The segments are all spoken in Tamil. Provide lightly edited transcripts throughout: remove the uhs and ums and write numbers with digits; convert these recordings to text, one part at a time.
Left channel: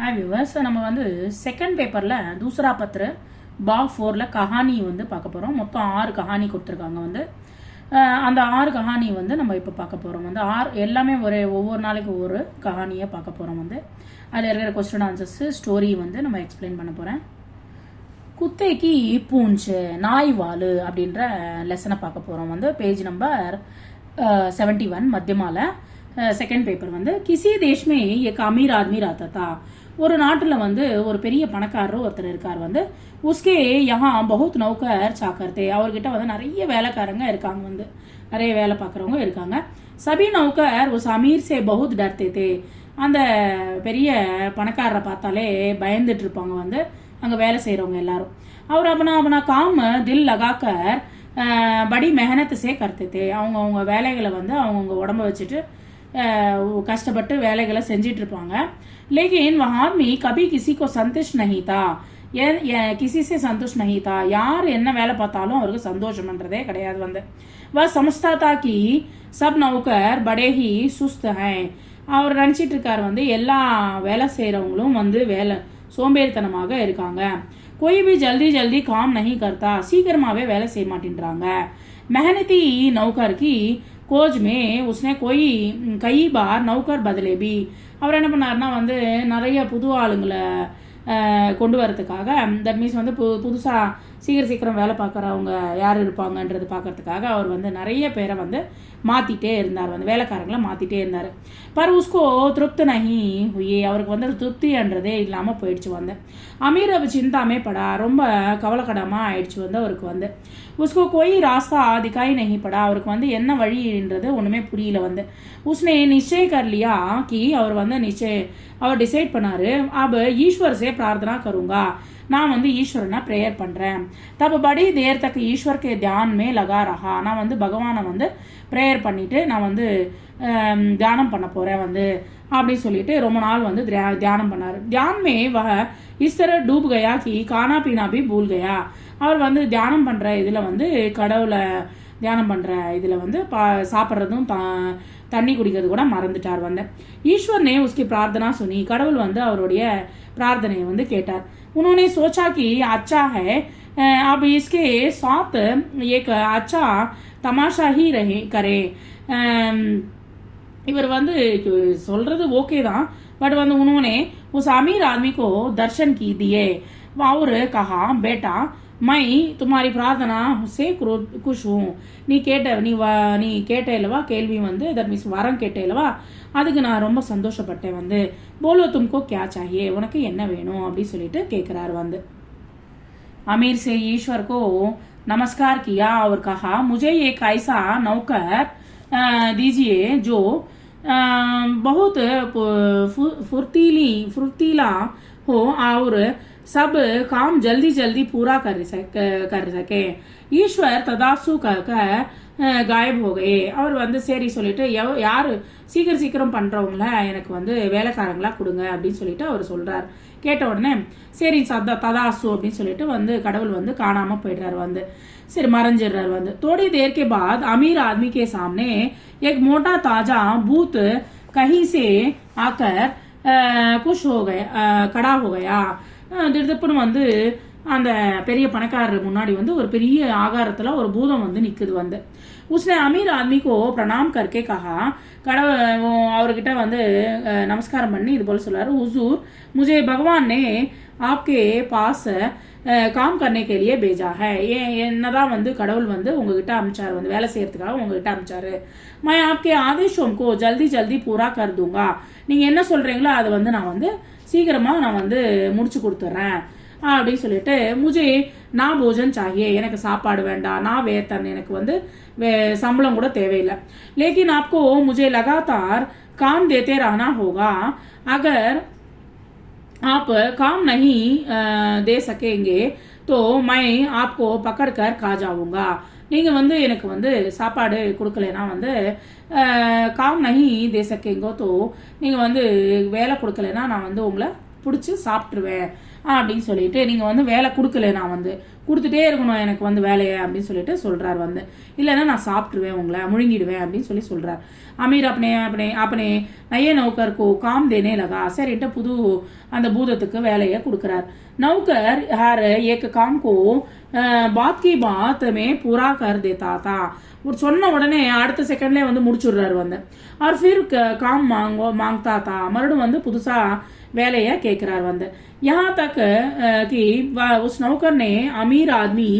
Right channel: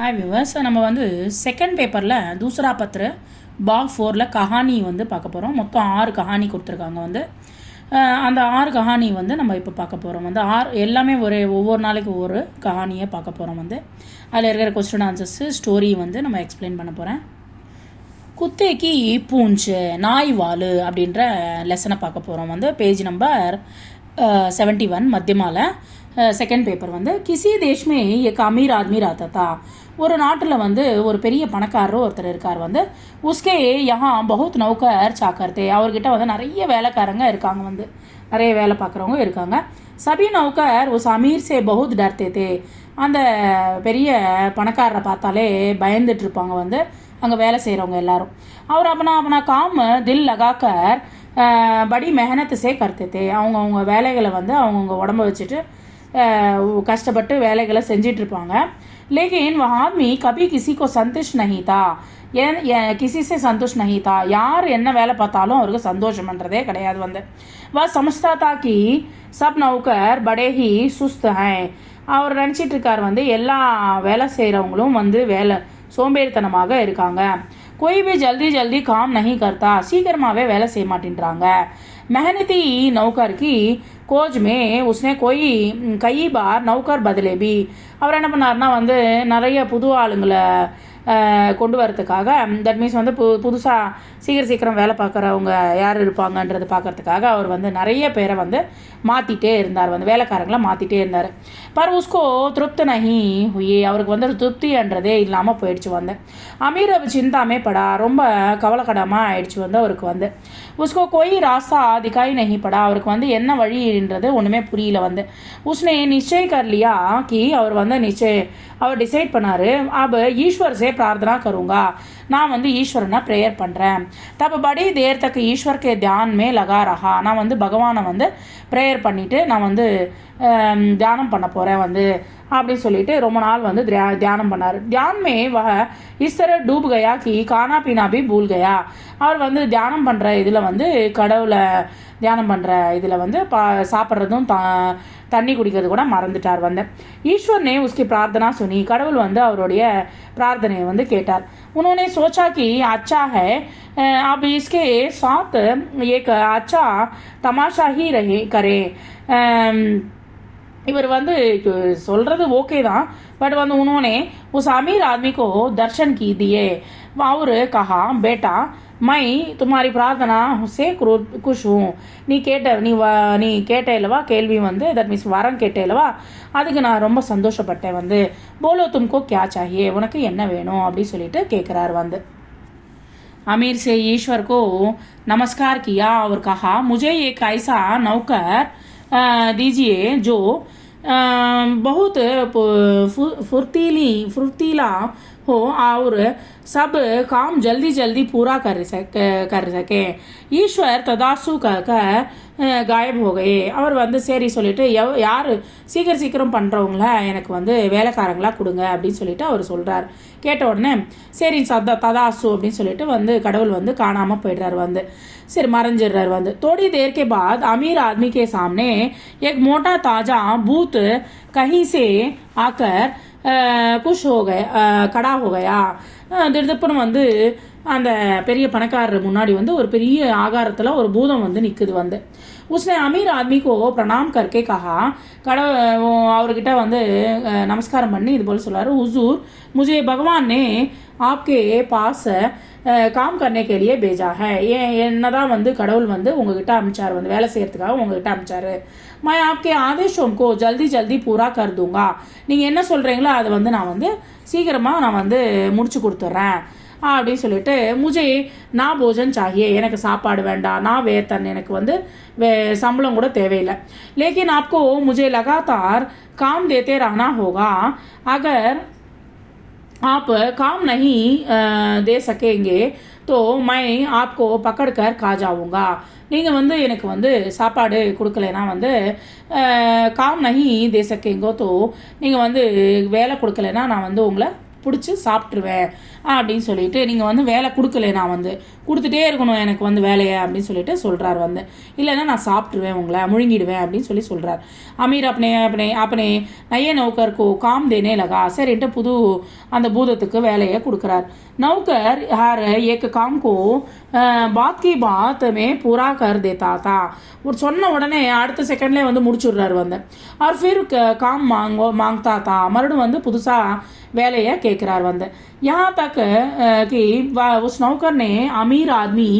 हाय व्यूवर्स நம்ம வந்து செகண்ட் பேப்பரில் दूसरा பத்திர பாக் 4ல் கஹானி வந்து பார்க்க போகிறோம். மொத்தம் 6 கஹானி கொடுத்துருக்காங்க வந்து அந்த 6 கஹானி வந்து நம்ம இப்போ பார்க்க போகிறோம். வந்து எல்லாமே ஒவ்வொரு நாளைக்கு ஒவ்வொரு கஹானியை பார்க்க போகிறோம். வந்து அதில் இருக்கிற கொஸ்டின் ஆன்சர்ஸு ஸ்டோரி வந்து நம்ம எக்ஸ்பிளைன் பண்ண போகிறேன். குத்தேக்கி பூஞ்சு நாய் வாலு அப்படின்ற லெசனை பார்க்க போகிறோம். வந்து பேஜ் நம்பர் 71 மத்தியமால செகண்ட் பேப்பர். வந்து கிசி தேஷ்மே एक अमीर आदमी रहता था. ஒரு நாட்டில் வந்து ஒரு பெரிய பணக்காரர் ஒருத்தர் இருக்கார். வந்து உஸ்கே யஹா பகுத் நௌக்கர் சாக்கர்தே. அவர்கிட்ட வந்து நிறைய வேலைக்காரங்க இருக்காங்க. வந்து நிறைய வேலை பார்க்குறவங்க இருக்காங்க. சபி நௌக்கர் உஸ் அமீர் சே பகுத் டர்தே தே. அந்த பெரிய பணக்காரரை பார்த்தாலே பயந்துட்டு இருப்பாங்க. வந்து அங்கே வேலை செய்கிறவங்க எல்லாரும். அவர் அப்பனா அப்பனா காம் தில் லகாக்கர் படி மெஹனத் சே கர்த்தே தே. அவங்கவுங்க வேலைகளை வந்து அவங்கவுங்க உடம்ப வச்சுட்டு கஷ்டப்பட்டு வேலைகளை செஞ்சிட்ருப்பாங்க. लेकिन वह आदमी कभी किसी को संतुष्ट नहीं था. किसी से संतुष्ट नहीं था. யார் என்ன வேலை பார்த்தாலும் அவருக்கு சந்தோஷம்ன்றதே கிடையாது. வந்து वह समझता था कि सब नौकर बड़े ही सुस्त हैं. அவர் நினச்சிட்டு இருக்கார் வந்து எல்லா வேலை செய்கிறவங்களும் வந்து சோம்பேறித்தனமாக இருக்காங்க. कोई भी जल्दी जल्दी काम नहीं करता. சீக்கிரமாகவே வேலை செய்ய மாட்டேன்றாங்க. मेहनती नौकर की கோஜ் மே உஸ்னே கோய் கை பார் நௌக்கர் பதலே பி. அவர் என்ன பண்ணார்னா வந்து நிறைய புது ஆளுங்களை கொண்டு வரதுக்காக, தட் மீன்ஸ் வந்து புதுசாக சீக்கிரம் வேலை பார்க்குறவங்க யார் இருப்பாங்கன்றது பார்க்கறதுக்காக அவர் வந்து நிறைய பேரை வந்து மாற்றிட்டே இருந்தார். வந்து வேலைக்காரங்களை மாற்றிட்டே இருந்தார். பர் உஸ்கோ திருப்தி நஹி ஹுயே. அவருக்கு வந்து திருப்தின்றதே இல்லாமல் போயிடுச்சு. வந்து அமீர் अब चिंता में पड़ा. ரொம்ப கவலைக்கடமாக ஆயிடுச்சு. வந்து அவருக்கு வந்து உஸ்கோ कोई रास्ता दिखाई नहीं पड़ा. அவருக்கு வந்து என்ன வழின்றது ஒன்றுமே புரியல. வந்து உஸ்னே நிச்சய கர் லியா कि அவர் வந்து அவர் டிசைட் பண்ணார். अब ईश्वर से प्रार्थना करूँगा. நான் வந்து ஈஸ்வரனை ப்ரேயர் பண்ணுறேன். தப்பு படி தேர் தக்க ஈஸ்வர் கே தியான் மே லகா ரஹா. நான் வந்து பகவானை வந்து ப்ரேயர் பண்ணிவிட்டு நான் வந்து தியானம் பண்ண போகிறேன் வந்து அப்படின்னு சொல்லிட்டு ரொம்ப நாள் வந்து தியானம் பண்ணார். தியான் மே வக ஈஸ்வர டூப் கயா கி கானா பீனா பி பூல் கயா. அவர் வந்து தியானம் பண்ணுற இதில் வந்து கடவுளை தியானம் பண்ணுற இதில் வந்து சாப்பிட்றதும் தண்ணி குடிக்கிறது கூட மறந்துட்டார். வந்து ஈஸ்வரனே உஸ்கி பிரார்த்தனா சுனி. கடவுள் வந்து அவருடைய प्रार्थना வந்து கேட்டார். उन्होंने सोचा कि अच्छा है अब इसके साथ एक अच्छा तमाशा ही करे. இவர் வந்து சொல்கிறது ஓகே தான். பட் வந்து उन्होंने उस अमीर आदमी को दर्शन की दिए और कहा बेटा मैं तुम्हारी प्रार्थना से खुश हूँ. நீ கேட்ட இல்லவா கேள்வி வந்து தட் மீன்ஸ் வரம் கேட்ட இல்லவா, அதுக்கு நான் ரொம்ப சந்தோஷப்பட்டேன். வந்து போலோ தும்கோ கியா சாஹியே. உனக்கு என்ன வேணும் அப்படின்னு சொல்லிட்டு கேட்குறாரு. வந்து अमीर से ईश्वर को नमस्कार किया और कहा मुझे एक ऐसा नौकर दीजिए जो बहुत फुर्तीला हो और सब काम जल्दी जल्दी पूरा कर सके. ஈஸ்வர் ததாசு காயப் हो गए. அவர் வந்து சரி சொல்லிட்டு யார் சீக்கிரம் பண்ணுறவங்கள எனக்கு வந்து வேலைக்காரங்களா கொடுங்க அப்படின்னு சொல்லிட்டு அவர் சொல்கிறார். கேட்ட உடனே சரி ததாசு அப்படின்னு சொல்லிட்டு வந்து கடவுள் வந்து காணாமல் போயிடுறார். வந்து சரி மறைஞ்சிடுறார். வந்து थोड़ी देर के बाद अमीर आदमी के सामने एक मोटा ताजा भूत कहीं से आकर कुछ हो गया खड़ा हो गया. திடுப்புன்னு வந்து அந்த பெரிய பணக்காரர் முன்னாடி வந்து ஒரு பெரிய ஆகாரத்தில் ஒரு பூதம் வந்து நிற்குது. வந்து உஸ்னே அமீர் ஆத்மிக்கோ பிரணாம் கர்க்கே கஹா. அவர்கிட்ட வந்து நமஸ்காரம் பண்ணி இது போல் சொல்கிறாரு. हुजूर मुझे भगवान ने आपके पास काम करने के लिए भेजा है. என்னதான் வந்து கடவுள் வந்து உங்ககிட்ட அமிச்சார். வந்து வேலை செய்யறதுக்காக உங்ககிட்ட அமிச்சாரு. मैं आपके आदेशों को जल्दी जल्दी पूरा कर दूंगा. நீங்கள் என்ன சொல்கிறீங்களோ அதை வந்து நான் வந்து சீக்கிரமாக நான் வந்து முடிச்சு கொடுத்துட்றேன் அப்படின்னு சொல்லிட்டு முஜே நான் போஜன் சாகியே. எனக்கு சாப்பாடு வேண்டாம், நான் வேத்தன், எனக்கு வந்து சம்பளம் கூட தேவையில்லை. लेकिन आपको मुझे लगातार काम देते रहना होगा. अगर आप काम नहीं दे सकेंगे तो मैं आपको पकड़ कर खा जाऊंगा. நீங்கள் வந்து எனக்கு வந்து சாப்பாடு கொடுக்கலைன்னா வந்து காம் நஹி தே சக்கேங்கோ தோ நீங்கள் வந்து வேலை கொடுக்கலைன்னா நான் வந்து உங்களை பிடிச்சி சாப்பிட்ருவேன் அப்படின்னு சொல்லிட்டு, நீங்கள் வந்து வேலை கொடுக்கல, நான் வந்து கொடுத்துட்டே இருக்கணும் எனக்கு வந்து வேலையை அப்படின்னு சொல்லிட்டு சொல்கிறார் வந்து. இல்லைன்னா நான் சாப்பிட்ருவேன், உங்களை முழுங்கிடுவேன் அப்படின்னு சொல்லி சொல்கிறார். அமீர் अपने अपने अपने नए नौकर को काम देने लगा. சரின்ட்டு அந்த பூதத்துக்கு வேலையை கொடுக்குறார். नौकर हर एक काम को बात की बात में पूरा कर देता था. ஒரு சொன்ன உடனே அடுத்த செகண்ட்லேயே வந்து முடிச்சுடுறாரு வந்து. और फिर काम मांगता था. மறுபடியும் வந்து புதுசாக வேலையை கேட்குறார் வந்து. यहाँ तक कि उस नौकर ने अमीर आदमी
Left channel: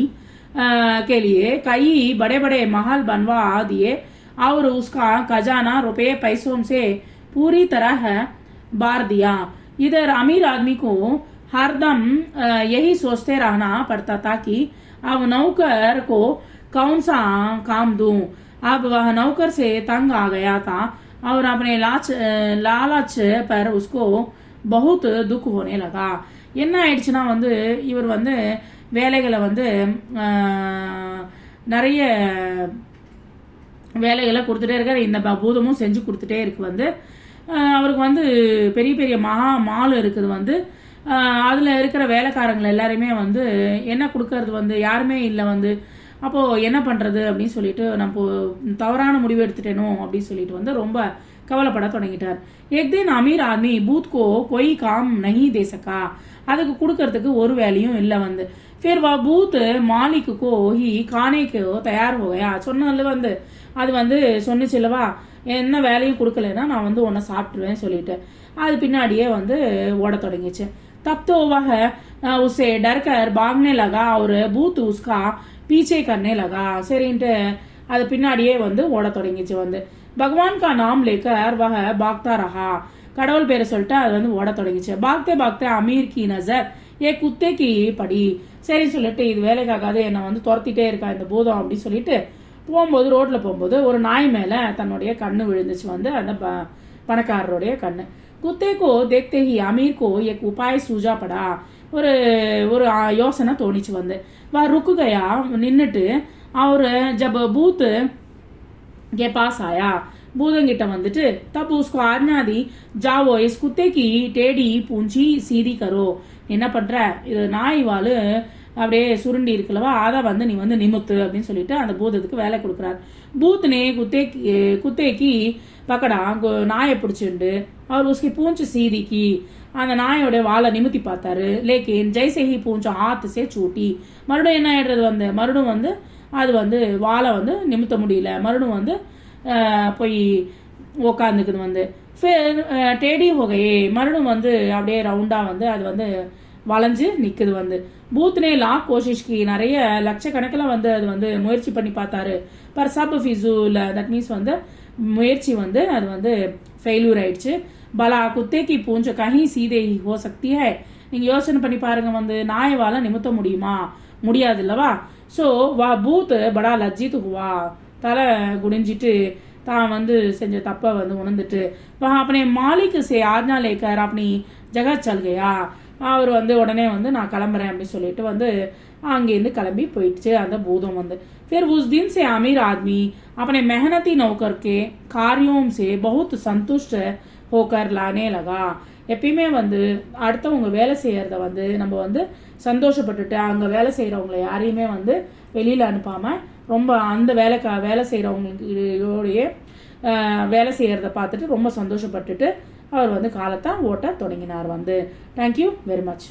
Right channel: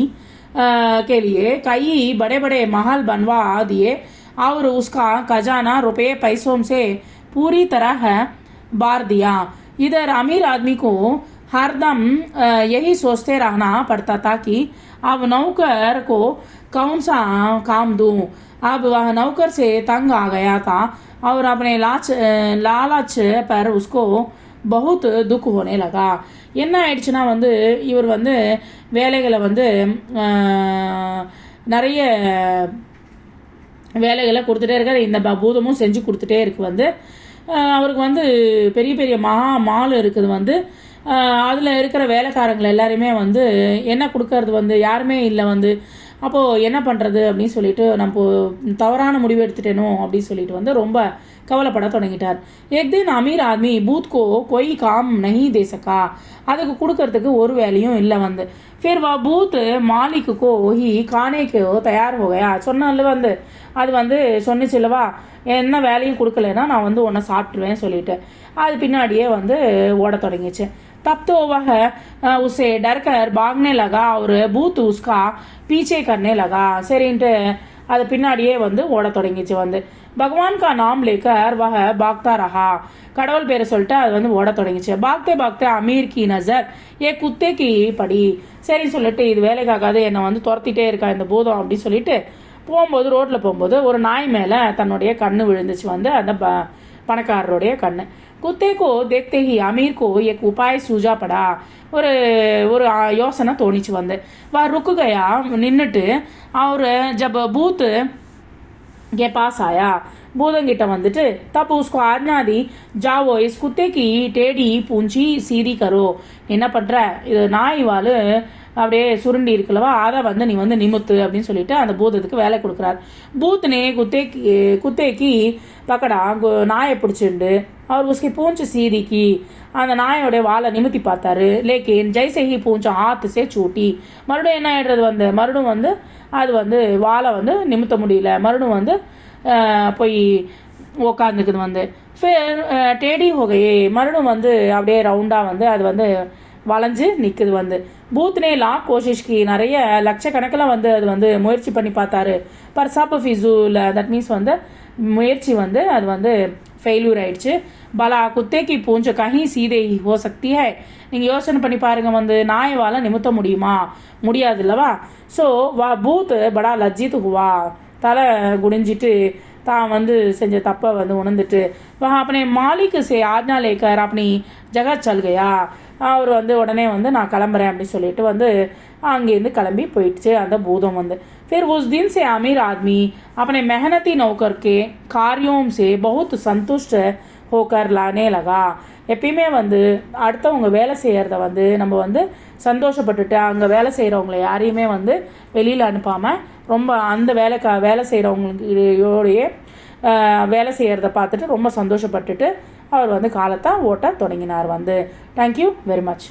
के लिए कई बड़े बड़े महल बनवा दिए और उसका खजाना रुपये पैसों से पूरी तरह बार दिया. इधर अमीर आदमी को हरदम यही सोचते रहना पड़ता था कि अब नौकर को कौन सा काम दूं. अब वह नौकर से तंग आ गया था और अपने लालच पर उसको बहुत दुख होने लगा. என்ன ஆயிடுச்சுன்னா வந்து இவர் வந்து வேலைகளை வந்து நிறைய வேலைகளை கொடுத்துட்டே இருக்கார். இந்த பூதமும் செஞ்சு கொடுத்துட்டே இருக்கு வந்து. அவருக்கு வந்து பெரிய பெரிய மால் இருக்குது வந்து. அதில் இருக்கிற வேலைக்காரங்கள் எல்லாருமே வந்து என்ன கொடுக்கறது வந்து யாருமே இல்லை வந்து. அப்போது என்ன பண்ணுறது அப்படின்னு சொல்லிட்டு நம்ம தவறான முடிவு எடுத்துட்டேனோ அப்படின்னு சொல்லிட்டு வந்து ரொம்ப கவலைப்பட தொடங்கிட்டார். एक दिन अमीर आदमी बूथ को कोई काम नहीं दे सका. அதுக்கு கொடுக்கறதுக்கு ஒரு வேலையும் இல்லை வந்து. फिर वह बूथ मालिक को ही खाने को तैयार हो गया. சொன்னால வந்து அது வந்து சொன்னிச்சில்லவா, என்ன வேலையும் கொடுக்கலன்னா நான் வந்து உன்னை சாப்பிட்ருவேன் சொல்லிட்டு அது பின்னாடியே வந்து ஓட தொடங்கிச்சு. तब तो वह उसे डर कर भागने लगा और बूथ उसका पीछे करने लगा. சரின்ட்டு அது பின்னாடியே வந்து ஓட தொடங்கிச்சு வந்து. भगवान का नाम लेकर वह भागता रहा. கடவுள் பேரை சொல்லிட்டு அது வந்து ஓட தொடங்கிச்சு. பாக்தே பாக்தே அமீர் கி நசர் ஏ குத்தே கி படி. சரின்னு சொல்லிட்டு இது வேலைக்காகாது, என்னை வந்து துரத்திட்டே இருக்கா இந்த பூதம் அப்படின்னு சொல்லிட்டு போகும்போது ரோட்டில் போகும்போது ஒரு நாய் மேலே தன்னுடைய கண்ணு விழுந்துச்சு வந்து, அந்த பணக்காரருடைய கண்ணு. குத்தேக்கோ தேக்தே ஹி அமீர்கோ ஏக் உபாய் சூஜா படா. ஒரு ஒரு யோசனை தோணிச்சு வந்து. வா ருக்கு கயா நின்றுட்டு அவர் ஜப் பூத்து के पास आया. பூதங்கிட்ட வந்துட்டு தப்பு उसको आज्ञा दी जाओ इस कुत्ते की टेढ़ी पूंछी सीधी करो. என்ன பண்ற, இது நாய் வால் அப்படியே சுருண்டி இருக்கலவா, அதை வந்து நீ வந்து நிமித்து அப்படின்னு சொல்லிட்டு அந்த பூதத்துக்கு வேலை கொடுக்குறார். பூத்னே குத்தேக்கு பக்கடா நாயை பிடிச்சிண்டு அவர் உஸ்கி பூஞ்சி சீதிக்கு அந்த நாயோடைய வாழை நிமித்தி பார்த்தாரு. லேக்கின் ஜெய்சஹி பூஞ்ச ஹாத்து சே சூட்டி. மறுபடியும் என்ன ஆயிடுறது வந்து, மறுபடியும் வந்து அது வந்து வாழை வந்து நிமித்த முடியல, மறுபடியும் வந்து போய் உக்காந்துக்குது வந்து. டேடி வகையே மறுபடியும் வந்து அப்படியே ரவுண்டாக வந்து அது வந்து வளைஞ்சு நிற்குது வந்து. பூத்னே லாக் கோஷிஷ்கி நிறைய லட்சக்கணக்கில் வந்து அது வந்து முயற்சி பண்ணி பார்த்தாரு. பர் சப் ஃபிசூல் தட் மீன்ஸ் வந்து முயற்சி வந்து அது வந்து ஃபெயில்யூர் ஆயிடுச்சு. பலா குத்தேக்கி பூஞ்ச கஹி சீதே ஹோ சக்தி ஹை. நீங்கள் யோசனை பண்ணி பாருங்க வந்து நாயவால் நிமித்த முடியுமா, முடியாது இல்லவா. ஸோ வா பூத் படா லஜ்ஜித் ஹுவா. தலை குடிஞ்சிட்டு தான் வந்து செஞ்ச தப்பை வந்து உணர்ந்துட்டு வா अपने मालिक से आज्ञा लेकर अपनी जगह चल गया. அவர் வந்து உடனே வந்து நான் கிளம்புறேன் அப்படின்னு சொல்லிட்டு வந்து அங்கேருந்து கிளம்பி போயிடுச்சு அந்த பூதம் வந்து. फिर उस दिन से अमीर आदमी अपने मेहनती नौकर के कार्यों से बहुत संतुष्ट होकर लाने लगा. எப்பயுமே வந்து அடுத்தவங்க வேலை செய்கிறத வந்து நம்ம வந்து சந்தோஷப்பட்டுட்டு அங்கே வேலை செய்கிறவங்கள யாரையுமே வந்து வெளியில் அனுப்பாமல் ரொம்ப அந்த வேலை செய்கிறவங்களுடைய வேலை செய்கிறத பார்த்துட்டு ரொம்ப சந்தோஷப்பட்டுட்டு அவர் வந்து காலத்தை ஓட்ட தொடங்கினார் வந்து. Thank you very much.